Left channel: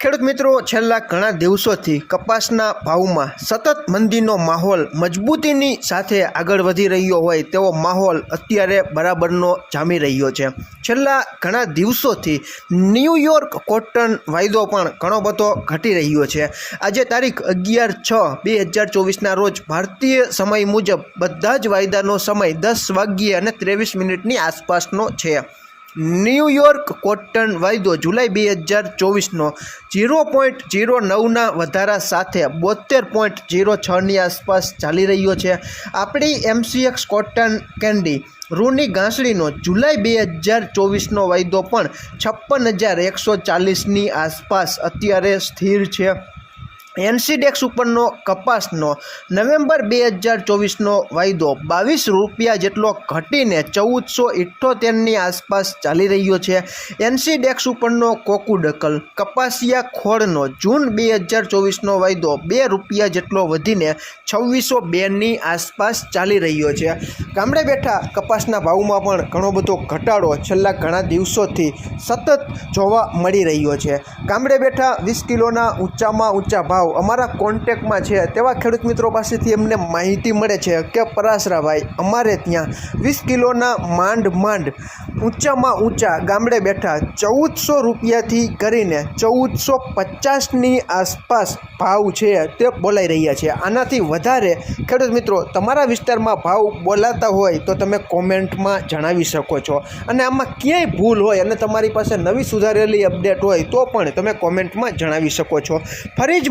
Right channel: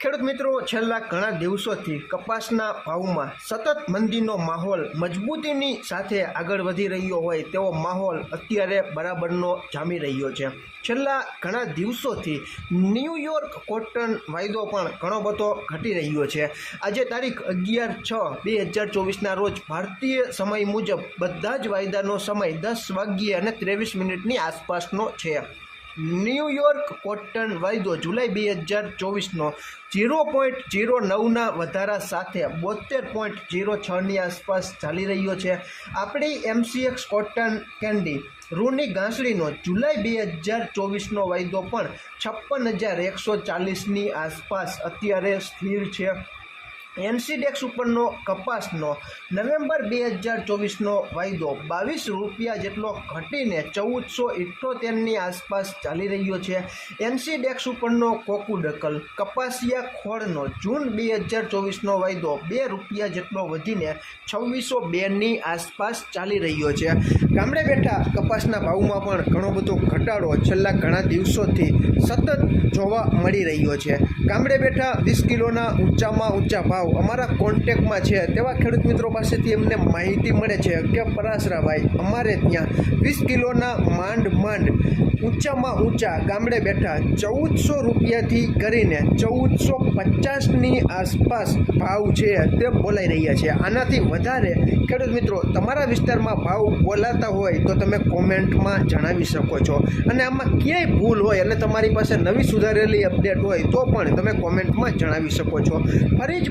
ખેડૂત મિત્રો, છેલ્લા ઘણા દિવસોથી કપાસના ભાવમાં સતત મંદીનો માહોલ મજબૂતીની સાથે આગળ વધી રહ્યો હોય તેવો માહોલ અત્યારે બરાબરનો જામી રહ્યો છે. છેલ્લા ઘણા દિવસોથી ન્યૂયોર્ક કોટન વાયદો પણ ઘણો બધો ઘટી રહ્યો છે. આજે તારીખ અગિયાર છ બે હજાર ચોવીસના રોજ ભારતીય સમય મુજબ બધા જ વાયદાનો સમય દસ વાગ્યે અને ત્રેવીસ મિનિટની આસપાસનો છે. ન્યૂયોર્ક કોટન વાયદો જુલાઈ બે હજાર ચોવીસનો ઝીરો પોઈન્ટ ઝીરો નવના વધારા સાથે બોતેર પોઈન્ટ ઝીરો છની આસપાસ ચાલી રહ્યો છે. આપણી એમસીએક્સ કોટન કેન્ડી રૂની ઘાસડીનો જુલાઈ બે હજાર ચોવીસનો વાયદો પણ છપ્પન હજાર એકસો ચાલીસની આસપાસ અત્યારે સ્થિર છે. એનસીડેક્સ ઉપરનો કપાસનો નવેમ્બર બે હજાર ચોવીસનો વાયદો બાવીસ રૂપિયા જેટલો ઘટીને ચૌદસો ઇઠ્ઠોતેરની આસપાસ ચાલી રહ્યો છે. એનસીડેક્સ ઉપરનો કોકુડકલ કપાસિયા ખોળનો જૂન બે હજાર ચોવીસનો વાયદો બે રૂપિયા જેટલો વધીને છવ્વીસો બેની આસપાસ ચાલી રહ્યો છે. ગામડે બેઠા કપાસના ભાવમાં પણ ઘણો બધો ઘટાડો છેલ્લા ઘણા દિવસોથી સતત જોવા મળી રહ્યો છે. ગામડે બેઠા વીસ કિલોના ઊંચામાં ઊંચા ભાવ અમારા કોન્ટેકમાં છે તેવા ખેડૂત મિત્રો પાસેથી એમને માહિતી મળે છે કે પરાસરાભાઈ અમારે ત્યાં વીસ કિલોના માંડ માંડ, ઊંચામાં ઊંચા ગામડે બેઠા ચૌદસો રૂપિયાથી કરીને ચૌદસો પચાસની આસપાસ ભાવ છે તે બોલાઈ રહ્યા છે. આનાથી વધારે ખેડૂત મિત્રો, તમારા વિસ્તારમાં ભાવ બોલાતા હોય તો તમે કોમેન્ટમાં જણાવી શકો છો. અને આમાં ક્યાંય ભૂલ હોય અને તમારી પાસે નવી સુધારેલી અપડેટ હોય તો પણ તમે કોમેન્ટમાં જણાવી શકો છો. ફરી જ